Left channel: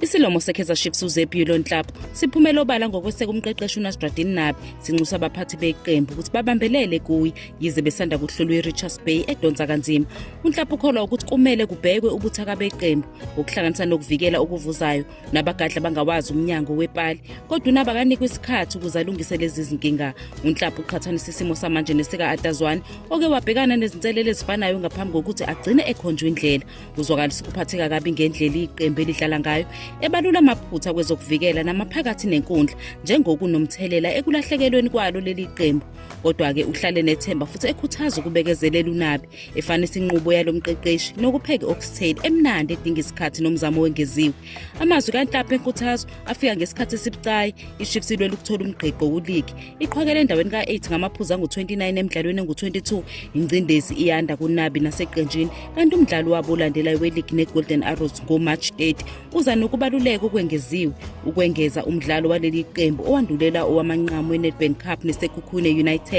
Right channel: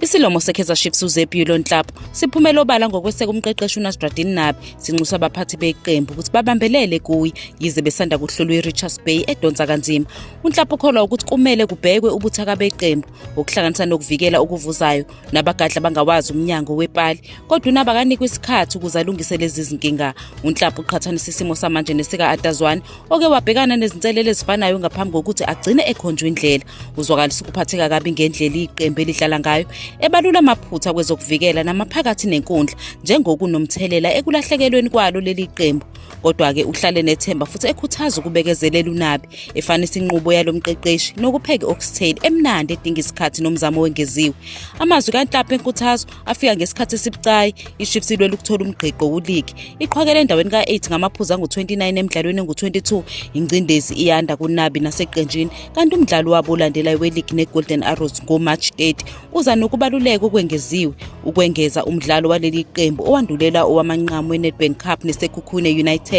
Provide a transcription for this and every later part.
Isilomo se-Kaizer Chiefs uZebulon Ntlapo siphumele obala ngokweseka umqeqeshi uNasruddin Nabi sinxusa abaphathi beqembu ukuthi babambelele kuye yize besanda kuhlolwa iRichards Bay edonsa kanzima. uNtlapo ukholwa ukuthi kumele kubhekwe ubuthaka beqembu okuhlanganisa nokuvikela okuvuzayo nabagadla bangawazi umnyango wepali, kodwa uNabi akanikwe isikhathi ukuze alungise lezi zinkinga. uNtlapo uqhathanisa isimo samanje nesika-Atazwane oke wabhekana nezinselelo ezifanayo ngaphambi kokuthi agcine ekhonjwe indlela. Uzwakalisa ukuphatheka kabi ngendlela iqembu elidlala ngayo, ebalula amaphutha kwezokuvikela namaphakathi nenkundla njengokunomthelela ekulahlekelweni kwalo leli qembu. Kodwa-ke uhlale nethemba futhi ekhuthaza ukubekezelela uNabi, efanisa inqubo yalo mqeqeshi nokupheka i-oxtail emnandi edinga isikhathi nomzamo wengeziwe. Amazwi kaNtlapo enkuthazo afika ngesikhathi esibucayi. iChiefs ilwela ukuthola umgqigqo kuligi, iqhwakele endaweni ka-8 ngamaphuzu angu-29 emidlalweni engu-22. ingcindezi iyanda kuNabi naseqenjini, kanti umdlalo wabo olandelayo weligi neGolden Arrows ngoMarch 30 uza nokubaluleka okwengeziwe ukwengeza umdlalo waleli qembu owandulela owamanqamu weNedbank Cup neSekhukhune United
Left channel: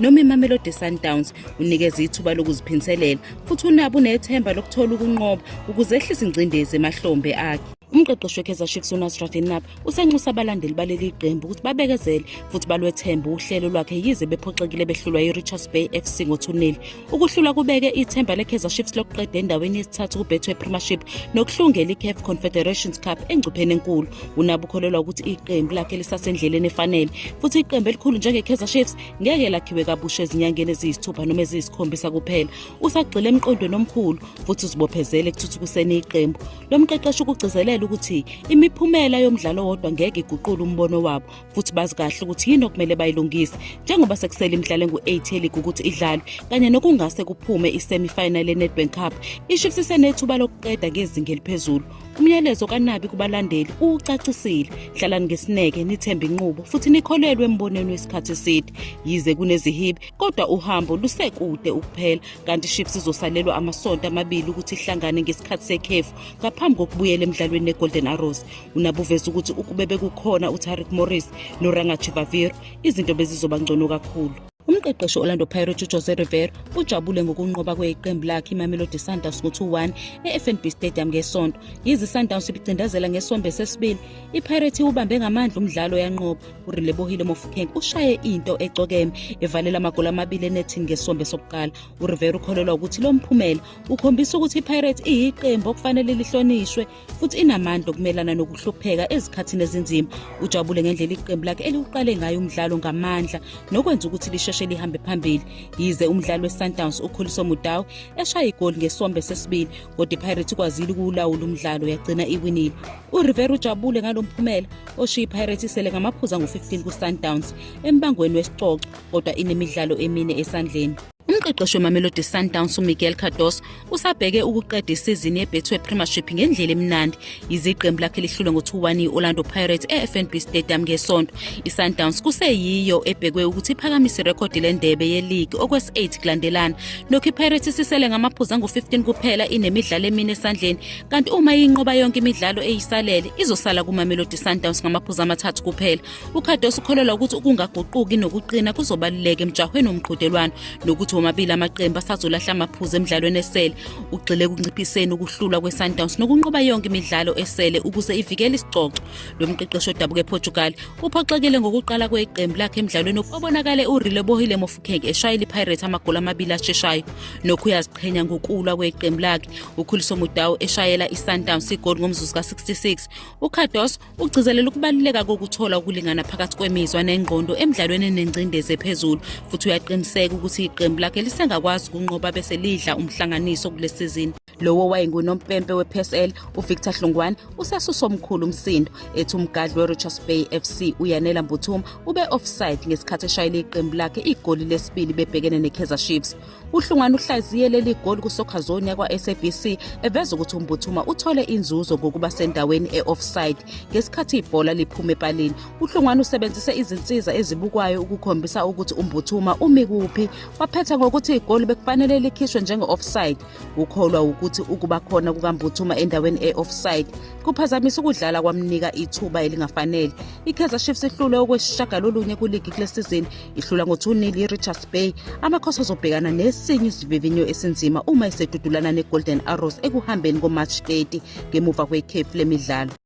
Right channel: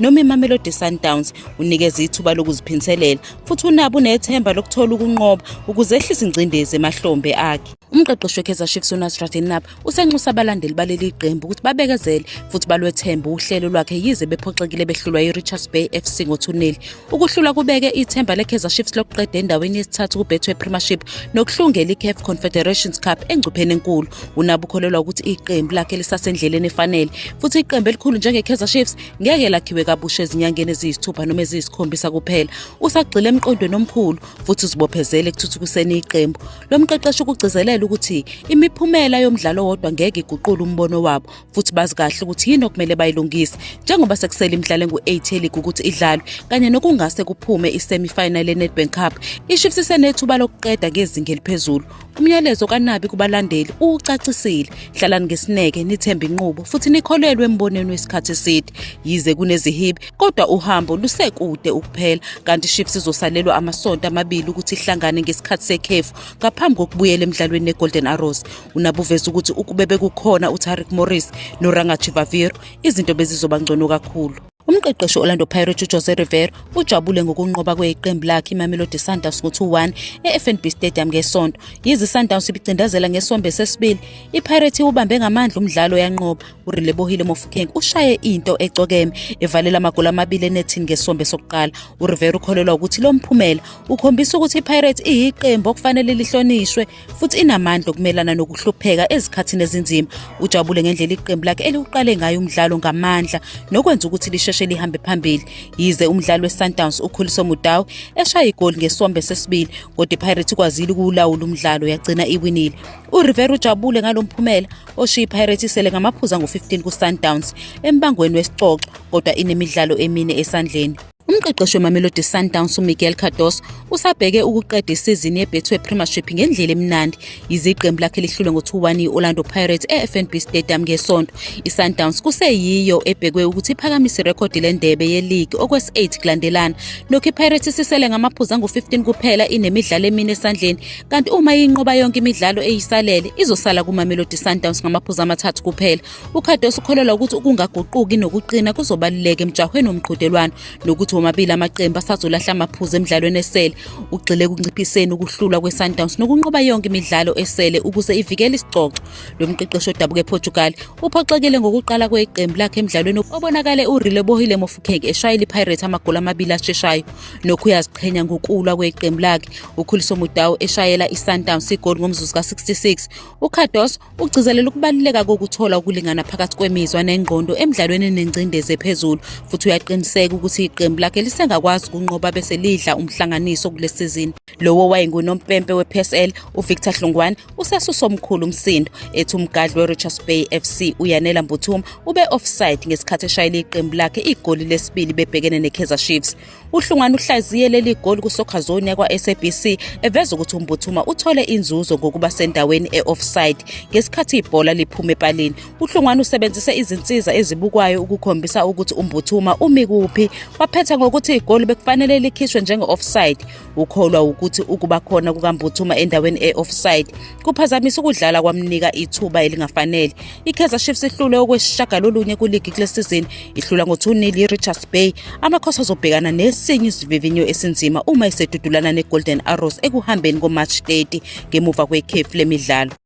noma iMamelodi Sundowns unikeza ithuba lokuziphinselela, futhi uNabi unethemba lokuthola ukunqoba ukuze ehlise ingcindezi emahlombe akhe. Umqeqeshi we-Kaizer Chiefs uNasruddin Nabi usenxusa abalandeli baleli qembu ukuthi babekezele futhi balwethemba uhlelo lwakhe yize bephoxekile behlulwa iRichards Bay FC ngo-2-0. Ukuhlula kubeke ithemba le-Kaizer Chiefs lokuqeda endaweni yesithathu kubethwe Premiership nokuhlungela i-CAF Confederations Cup engcupheni enkulu. uNabi ukholelwa ukuthi iqembu lakhe lisasendleleni efanele, futhi iqembu elikhulu njenge-Kaizer Chiefs ngeke lakhiwe kabusha ezinyangeni eziyisithupha noma eziyisikhombisa kuphela. Usagxile emqondweni omkhulu futhi uzibophezele ekuthuthukiseni iqembu. Lo mqeqeshi ukugcizelela ukuthi imiphumela yomdlalo wodwa ngeke iguqule umbono wabo, futhi bazi kahle ukuthi yini okumele bayilungise njengoba sekusele imidlalo engu-8 eligi ukuthi idlalwe kanye nokungase kuphume i-semi-final ye-Nedbank Cup. iChiefs isenethuba lokuqeda ngezinga eliphezulu. Umyalezo kaNabi kubalandeli ucacisile: hlalani ngesineke, nithembe inqubo futhi nikholelwe embonweni wesikhathi eside. Yize kunezihibe, kodwa uhambo lusekude ukuphela, kanti iChiefs izosalelwa amasonto amabili ukuthi ihlangane ngesikhathi sekhefu ngaphambi kokubuyela emidlalweni neGolden Arrows. uNabi uveza ukuthi ukube bekukhona uTariq Morris noRangachivaviro, izinto bezizoba ngcono kakhulu. Umqeqeshi Orlando Pirates uJose Rivera ujabule ngokunqoba kweqembu lakhe iMamelodi Sundowns ngo-2-1 eFNB Stadium ngesonto. Yize iSundowns ibicindezela ngesombe sesibili, iPirates ubambe ngamandla umdlalo yanqoba. uRelebohile Mofokeng ushaye into ecokeme evalela amagoli amabili enethini ngesombe sokuqala. uRivera ukholelwa ukuthi lo mphumela ukhombisa ukuthi iPirates iyiqembu okufanele lihlonishwe futhi inamandla okumelana nokuhlupheka ezikhathini ezinzima. Ujabule ngendlela iqembu lakhe eliqale ngayo umdlalo ngamandla nokwenza ukuthi lisheshe lihambe phambili. Yize umdlalo weSundowns ukhuliso Mudau eshaya igoli ngesombe sesibili, kodwa iPirates ikwazile ukulawula umdlalo yagcina iwinile. uRivera ujabule ngalomphumela oshiya iPirates isele ngamaphuzu angu-15 kuSundowns embangweni wesicoco, kodwa inemidlalo emine esandleni. Umqeqeshi weMamelodi Sundowns uMiguel Cardoso usabheke ukuqeda isizini yebethwe Premiership ngendlela emnandi. Yize iqembu lakhe lihlulwe ngo-2-1 i-Orlando Pirates eFNB Stadium ngesonto, iSundowns kuseyiyo ebhekwe ukuthi iphakamise irekhodi lendebe yeligi okwesi-8 kulandelana. Nokho iPirates isisele ngamaphuzu angu-15 kuphela inemidlalo emine esandleni, kanti uma inqoba yonke imidlalo eyisalele izosala kuMamelodi Sundowns ngamaphuzu amathathu kuphela. uCardoso ukholelwa ukuthi ukungaguquki nokuqina kuzobaluleka emjahweni womqhudelwano nokuthi omabili amaqembu asazolahla amaphuzu emidlalweni esele. Ugxile ekunciphiseni ukuhlula kweSundowns nokunqoba yonke imidlalo esele ukuze ivikele isicoco. Lo mqeqeshi odabuka ePortugal uphoxekile ngokuqala kweqembu lakhe emidlalweni obonakale uRelebohile Mofokeng eshayela iPirates amagoli amabili asheshayo. Nokho uyaziqhenya ngokulwa kweqembu lakhe, ukhuliso Mudau eshayela iSundowns igoli ngomzuzu ka-66. uCardoso ugcizelela ukubaluleka kokuthola ukulingana phakathi kwemizwa nengqondo emidlalweni enengcindezi ephezulu, futhi uyaqiniseka ukuthi iqembu lakhe lisengakwazi ukunqoba bese lidla umhlanganiso kule sizini. Lowo wayengunompempe we-PSL uVictor Hlongwane usesusa omkhulu umsindo, ethi umgadli weRichards Bay FC uYanela Mbuthuma ube offside ngesikhathi eshayela iqembu lakhe igoli lesibili bebhekene neKaizer Chiefs. uHlongwane uhlaziye leli goli kuSoccer Zone yakwa-SABC eveza ukuthi uMbuthuma uthole inzuzo ngokuba sendaweni e-offside ngesikhathi ibhola liphuma epalini. uHlongwane usebenzise izinsiza ezibukwayo ukukhombisa ukuthi uMbuthuma umi kuphi. Waphetha ngokuthi igoli bekufanele likhishwe njenge-offside. Ukholwa ukuthi ukuba khona kukaMbuthuma endaweni e-offside kuphazamisa ukudlala kwamnika ithuba elingafanele. iKaizer Chiefs ihlule okwesishagalolunye kuligi kule sizini, ihlula ngo-2-0 iRichards Bay. Amakhosi azobhekana nesinye isivivinyo esinzima uma isedudulana neGolden Arrows ekuhambeni ngoMarch 30 ngemuva kwekhefu lemidlalo.